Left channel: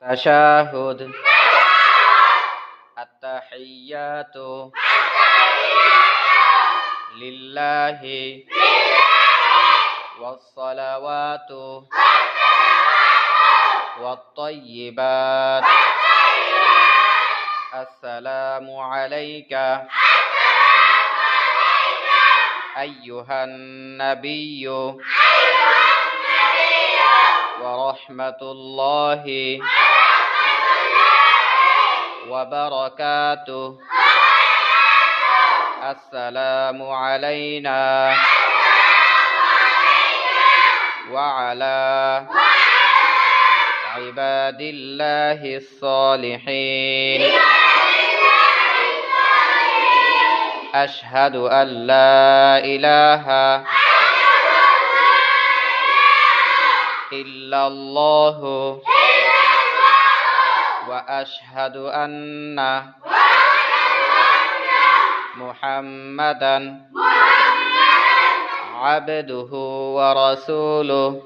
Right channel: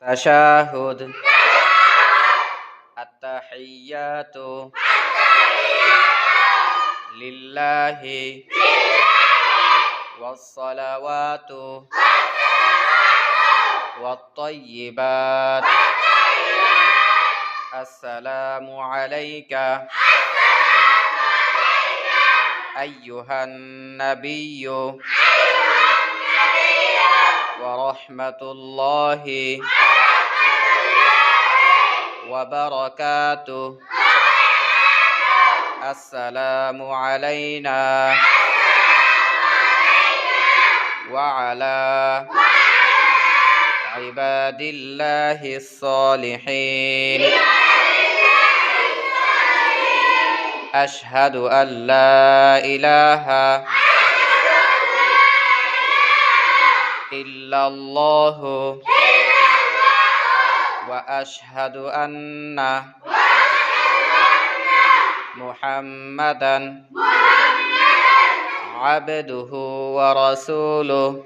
تشهد التحيات لله والصلوات والطيبات السلام عليك أيها النبي ورحمة الله وبركاته السلام علينا وعلى عباد الله الصالحين أشهد أن لا إله إلا الله وأشهد أن محمدا عبده ورسوله